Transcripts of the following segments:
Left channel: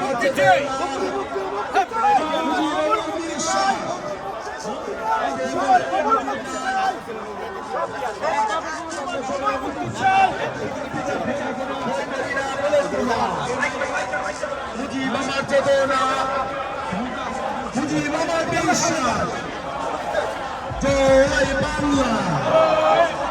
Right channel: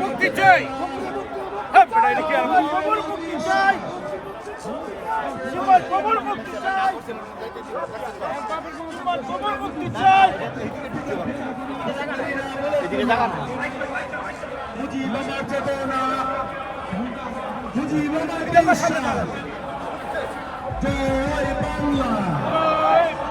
মুক্তি চাই মুজিব আমার চেতনা মুজিব জয় বাংলা।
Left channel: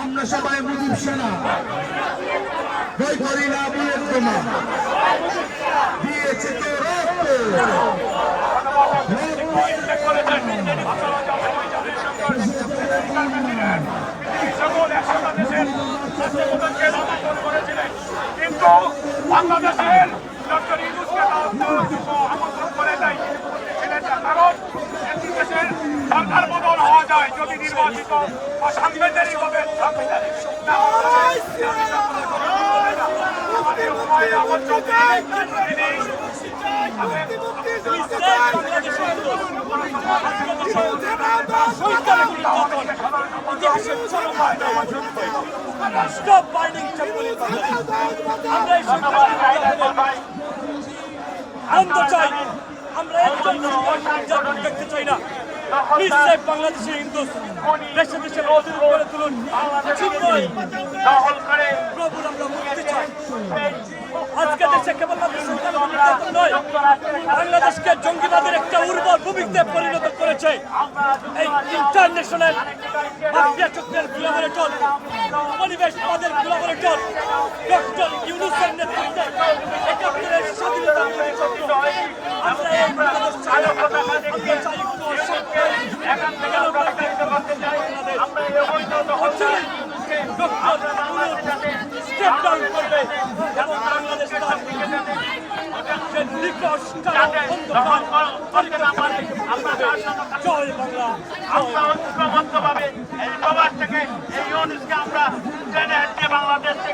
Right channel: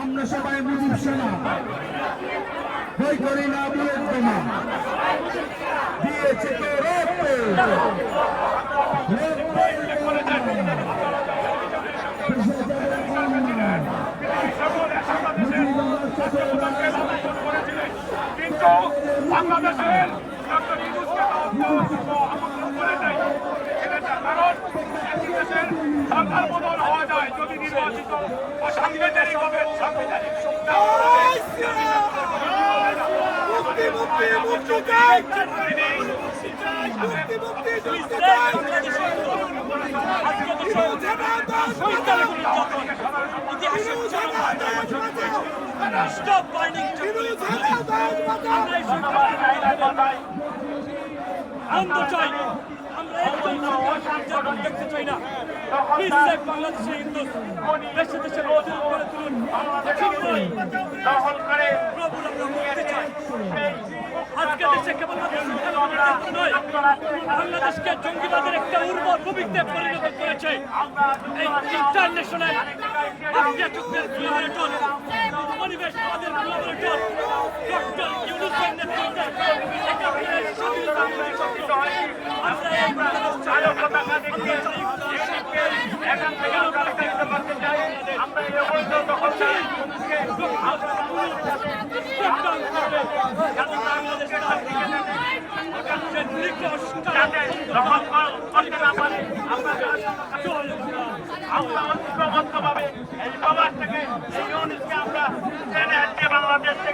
আমরা সবাই মুজিব সেনা বই করি না বুয়েট বোমা দিয়েছে তো কিন্তু বাংলাদেশের ডক্টর ইউনুসকে আমন্ত্রণ করে নাই কারণ দেশের সরকার বদল হওয়া যায় যদি নির্বাচিত অসাংবিধানিকভাবে সাংবিধানিক মুক্তি মুক্তি মুক্তি চাই মুক্তি মুক্তি মুক্তি চাই Stop fighting আমরা চাই আমরা একজন নির্যাতন দেখতে চাই না প্লিজ সেভ বাংলাদেশের হিন্দু দেশে দেশে করে তুলুন প্রভুর আমরা মুক্তি চাই। আজকে দেশে কেবলমাত্র নির্যাতন নয়, বাংলাদেশকে জঙ্গিবাদের একটা উর্বর ভূমিতে পরিণত করেছে এই ইন্টারন্যাশনাল মাফিয়া চুক্তির কোলাবরেটর পরিবেশবাদের কোলাবরেটর ডক্টর ইউনুসের নেতৃত্বে আমরা ডাউন করবে এবং বাংলাদেশ তার যে নিকট জয় বাংলা আমরা এই প্রবাস থেকে এই ইউনিসকে আমরা টেনে বাংলাদেশ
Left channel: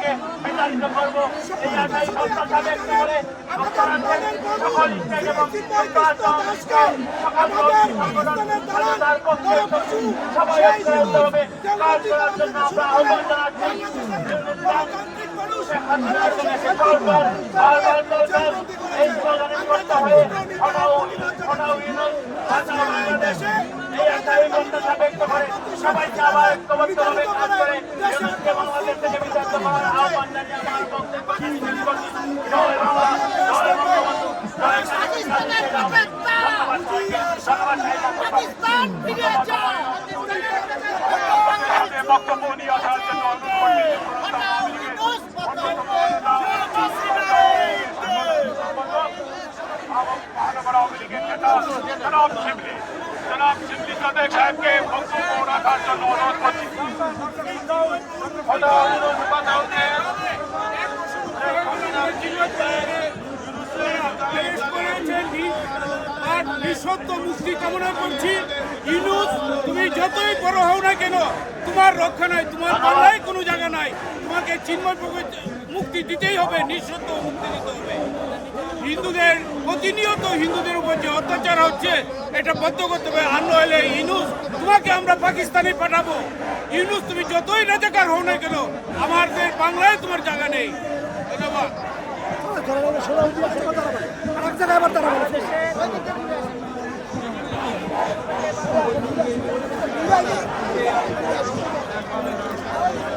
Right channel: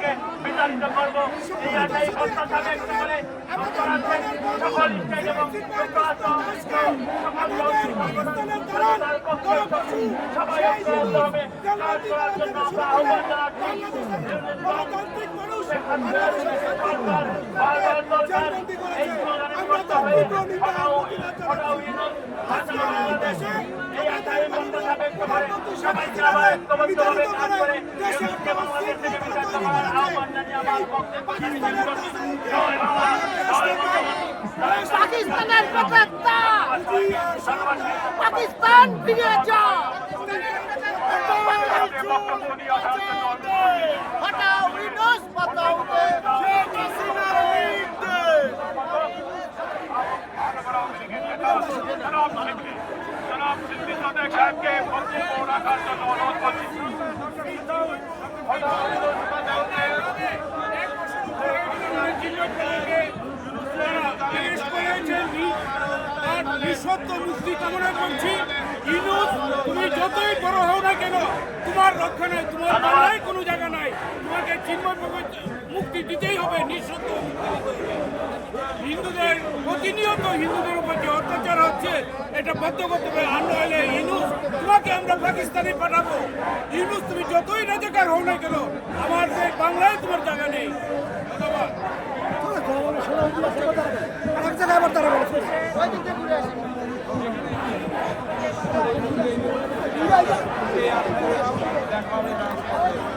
করেছে আমরা দেশে আমাদের একটা পাকিস্তানের পাকিস্তানের পাকিস্তান ফিরে যা হটাও শেখ হাসিনা লিখতে। জনাব সাদেক সাহেবকে বক্তব্য রাখার জন্য অনুরোধ মুক্তি কামনা করছি ইনুস তুমি যতই বড় হও না কেন তোমার রক্ষা নাই, তোমার বাংলায় কোনো জায়গা নাই। তোমাকে চিন্ময় মুক্তি দিতেই হবে নিঃশব্দ মুক্তি দিতে হবে। হিন্দুদের, প্রতিনিয়ত হিন্দুদের উপর যে অত্যাচার হচ্ছে, এটা বন্ধ করতে হবে। আর নইলে ইনুস তোমাকে আমরা পাকিস্তানে পাঠাবো। ইনুস তুমি যতই রাজাকার হও না কেন আমাদের বাংলায় তোমার জায়গা নেই। ধন্যবাদ দিয়েছেন এখানে এসে এই নিজু ভাই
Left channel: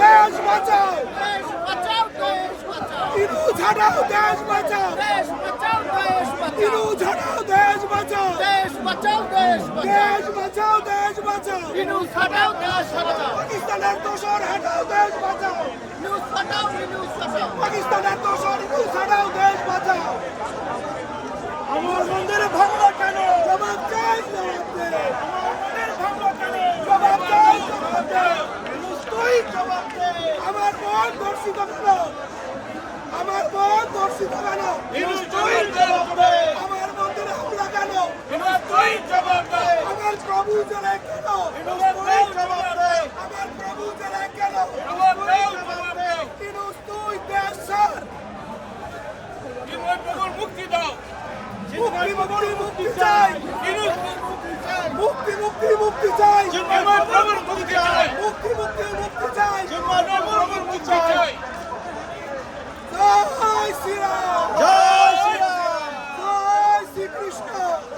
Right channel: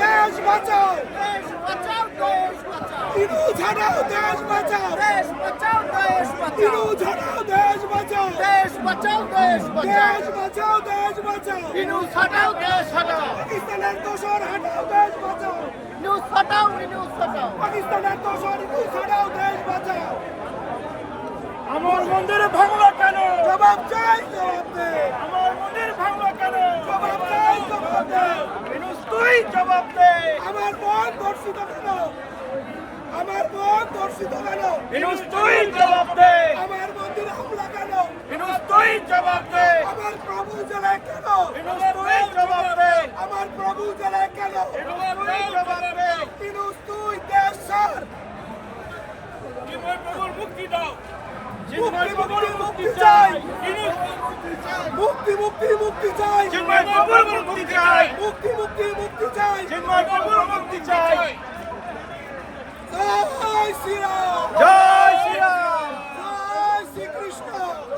দেশ বাঁচাও। বাঁচাও ইনুস হটাও দেশ বাঁচাও। দেশ বাঁচাও দেশ বাঁচাও। ইনুস হটাও দেশ বাঁচাও। দেশ বাঁচাও দেশ বাঁচাও। দেশ বাঁচাও দেশ বাঁচাও। নিউজ হটাও দেশ হটাও পাকিস্তানের দোষর হটাও দেশ বাঁচাও। নিউজ হটাও নিউজ হটাও পাকিস্তানের দোষর ইনুস হটাও দেশ বাঁচাও। আমার মন্দিরে ভাঙলো কেন? জবাব চাই জবাব দে। আমার মন্দিরে ভাঙলো কেন? জবাব চাই জবাব দে। তুই জবাব দে। আমার বোন ধর্ষিত কেন? আমার বোন ধর্ষিত কেন? আমার মন্দিরে হামলা কেন? আমার প্রভু জেলায় কেন? আমার প্রভু জেলায় কেন? তুই দেশ মুক্তি দাও। মুক্তি মুক্তি মুক্তি চাই। মুক্তি মুক্তি মুক্তি চাই। চিন্ময় প্রভুর মুক্তি চাই। মুক্তি মুক্তি মুক্তি চাই চিন্ময় প্রভুর মুক্তি চাই জয় শ্রীরাম জয় শ্রীরাম জয় শ্রীকৃষ্ণ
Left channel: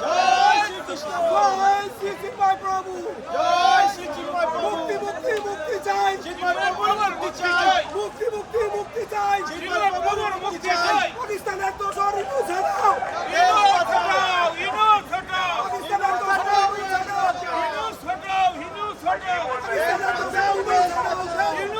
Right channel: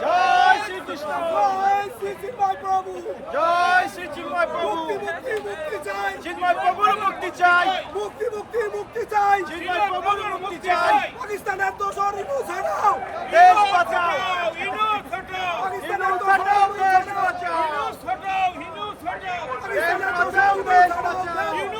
জয় শ্রীকৃষ্ণ জয় শ্রী চিন্ময় প্রভু জয় শ্রী চিন্ময় প্রভু মুক্তি মুক্তি মুক্তি চাই চিন্ময় প্রভুর মুক্তি চাই মুক্তি মুক্তি মুক্তি চাই চিন্ময় প্রভুর মুক্তি চাই পাকিস্তানের দোষর ইনু ছাড়াও ইনুস হটাও ইনুস হটাও পাকিস্তানের দোষর ইনু ছাড়াও ইনুস হটাও ইনুস হটাও পাকিস্তানের দোষর ইনু ছাড়াও ইনুস হটাও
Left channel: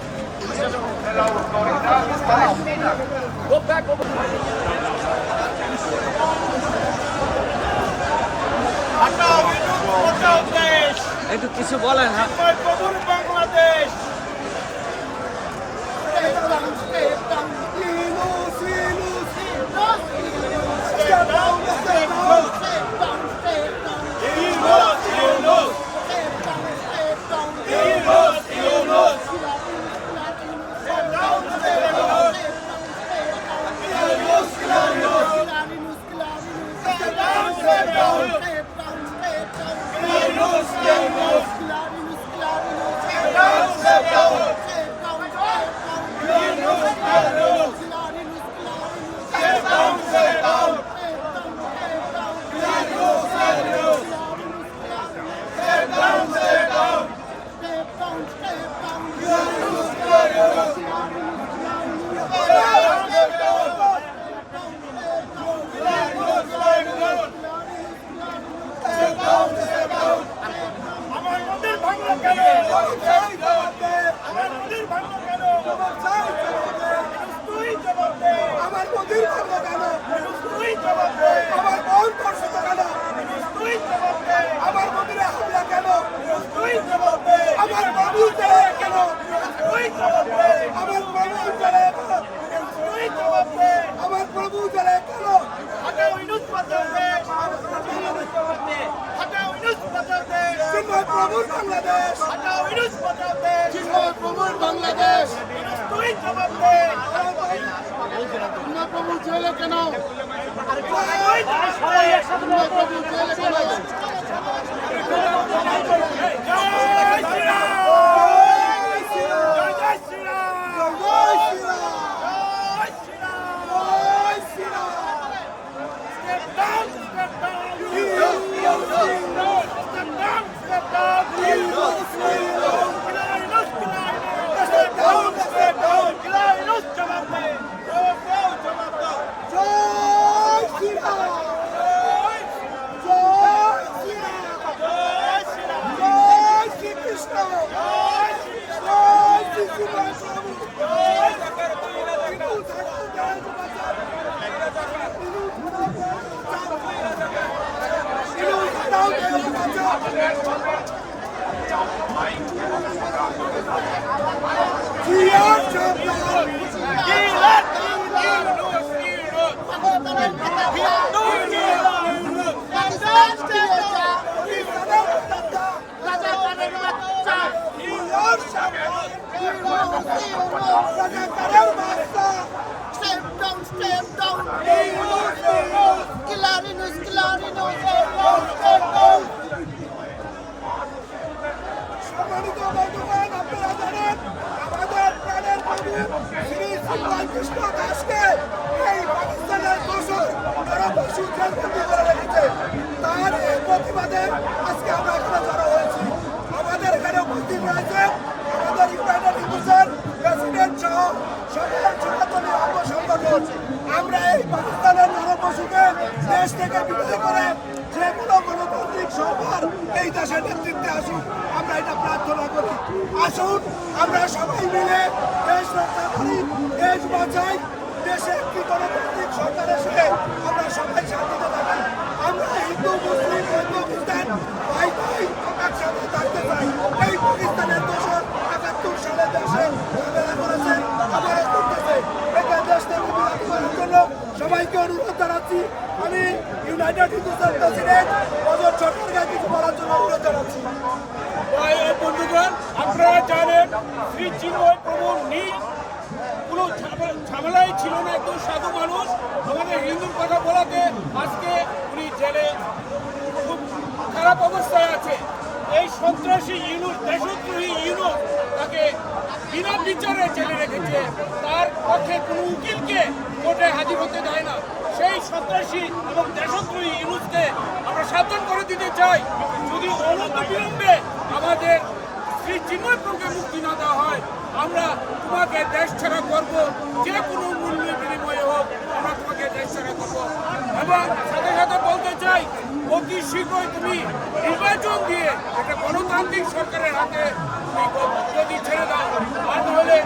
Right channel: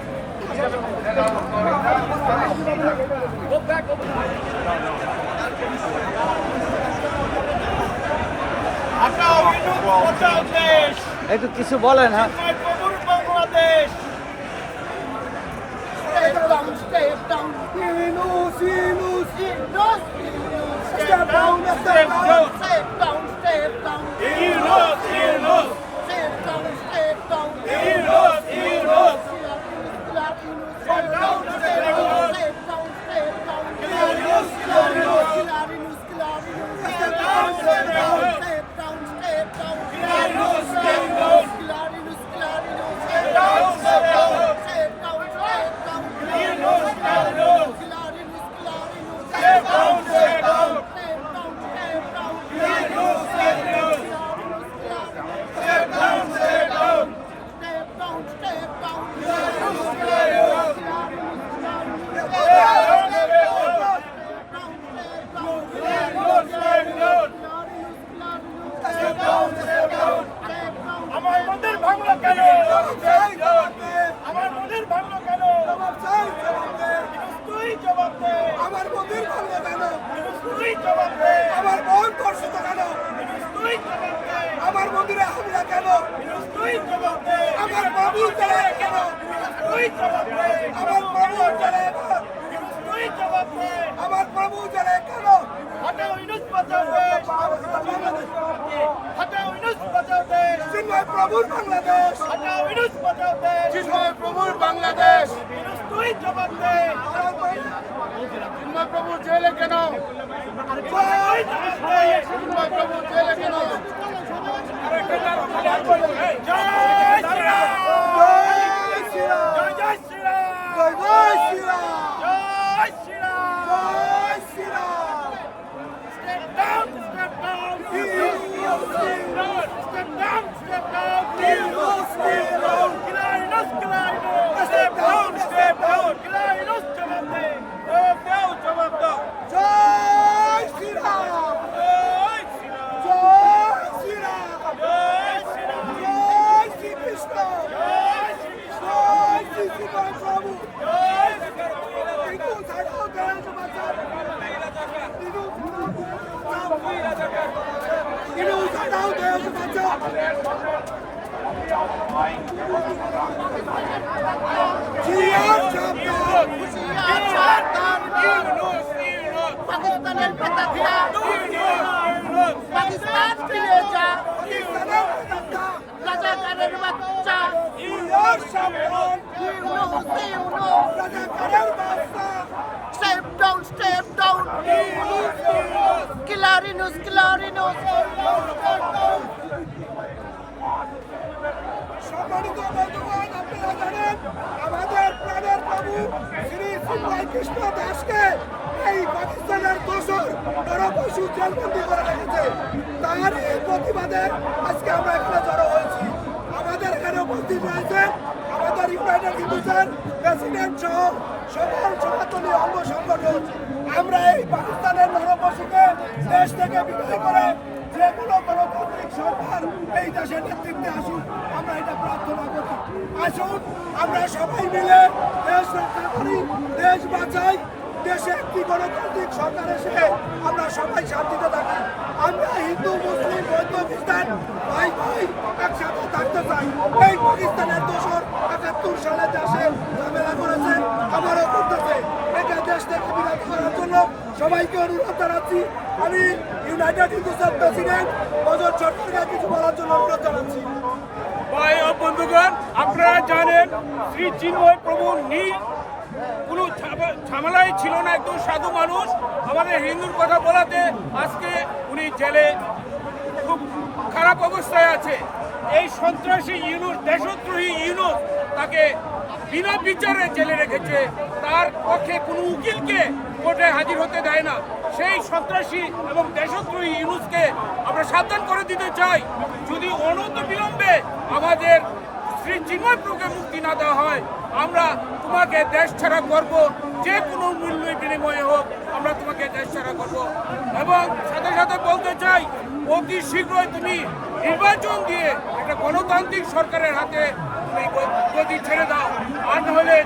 হটাও ইনুস হটাও দেশ একটু কিছু বলেন হ্যাঁ চিন্ময় প্রভুর Bangladesh Step down, step down, Yunus Yunus Step down, step down. step down, step down, Yunus Yunus প্রভুর বাংলাদেশ হটাও ইনুস বাঁচাও দেশ চিন্ময় প্রভুর বাংলাদেশ ইনুস তুই জবাব দে চিন্ময় প্রভু জেলে কেন দে প্রভু জেলে কেন জয় শ্রীরাম জয় শ্রীরাম জয় জয় শ্রীরাম জয় শ্রীরাম জয় শ্রীরাম জয় Shriram Step down, step down. Step down, step down. Clarinus, clarinus. Step down, step down. Clarinus, জবাব দে। জবাব দাও, জবাব দাও। জয় শ্রীরাম জয় শ্রীরাম জয় শ্রীরাম। জয় শ্রীকৃষ্ণ জয় শ্রীকৃষ্ণ। জয় শ্রী চিন্ময় প্রভু জয় শ্রীকৃষ্ণ। ইনু ছাড়াও দেশ বাঁচাও ইনু ছাড়াও দেশ বাঁচাও জিয়ার সাবধান ইউনুস, ইউনুস, ইউনুস। পাকিস্তানের নেতা ভিড়া ইউনুস, পাকিস্তান ফিরে যা ইসলামের বাচ্চা রাজাকারের বাচ্চা জিয়ার সাবধান ইউনুস, ইউনুস। রাজাকারের বাচ্চা step down, step down. Killer Inus, step down, সম্মানিত বন্ধুগণ আপনারা আমাদের প্রাণের প্রভু শ্রী দাসকে এই পাকিস্তানের দোষর নরপশু জেলবন্দি করে রেখেছে তার এই প্রতিবাদে আজকে আমরা এখানে জড়ো হয়েছি আমাদের এখানে উপস্থিত রয়েছে আমাদের ইউনাইটেড হিন্দুসের প্রেসিডেন্ট সহ সকল সনাতনী অঙ্গ সংগঠন, আমরা এই পাকিস্তানের নরপশুকে দেশ থেকে বিদায় করে যে কোনো গণতান্ত্রিক সরকার এই দেশের নেতৃত্বে আসুক, আমরা এটা প্রার্থনা করি। আসুন, আমরা সবাই মিলে দেশ রক্ষা করি, দেশ বাঁচাই দেশে একটি গণতান্ত্রিক সরকার এসে আমরা সবাই শান্তিতে থাকি? আমরা হিন্দু, মুসলিম, বৌদ্ধ, খ্রিস্টান, ভাই ভাই একসাথে থাকতে চাই। এই পাকিস্তানের দোষর একাত্তর সালে দেশে ঝামেলা করেছে আবারও করতেছে। একে দেশ থেকে বিরত করার জন্য সবাইকে অনুরোধ জানাচ্ছি। আমি ইউনাইটেড হিন্দুস্তান প্রেসিডেন্ট বজর সরকারকে কিছু বলার জন্য অনুরোধ জানাচ্ছি। ভাই বন্ধুগণ, আপনারা জানেন, শ্রী চিন্ময় প্রভু নি কোনো ঝামেলাই ছিল না, একজন সাধু মানুষ আমাদের হিন্দুর কথা বলাতে আজকে উনি জেলে খুব খারাপ অবস্থায় আছে। এই সন্ত্রাসী ইউনুস দেশদ্রোহী ইউনুস তাকে বিনা বিচারে জেলে রেখেছে। তার পক্ষে কোনো উকিলকে কোর্টে হাজির হতে দেয় না। সেই সন্ত্রাসী এবং দেশদ্রোহী ইউনুসকে আমরা সাবধান করে দিতে চাই। যদি অনন্ত বিলম্বে আমাদের শ্রী চিন্ময় প্রভুকে মুক্তি না দেওয়া হয়। আমরা তোমাকে দেশ ছাড়া করব, যে কোনো মূল্য বিনিময়ে হোক, আমরা তোমাকে দেশ ছাড়া করব। এবং সাথে সাথে বলতে চাই, অতি শীঘ্রই তুমি নির্বাচন দিয়ে একটা গণতান্ত্রিক সরকারের হাতে তুমি গদি ছেড়ে দাও। আর নাহলে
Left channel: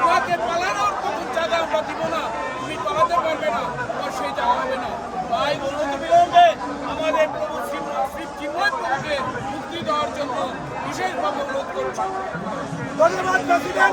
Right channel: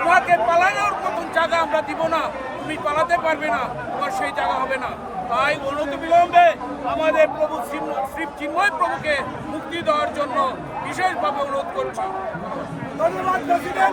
তোমাকে পালানোর মতন জায়গা আমরা দিব না। তুমি পালাতে পারবে না, তোমার সেই জায়গা হবে না। তাই অনতি আমাদের প্রভু শ্রী চিন্ময় প্রভুকে দেওয়ার জন্য বিশেষভাবে অনুরোধ করছি। ধন্যবাদ প্রেসিডেন্ট।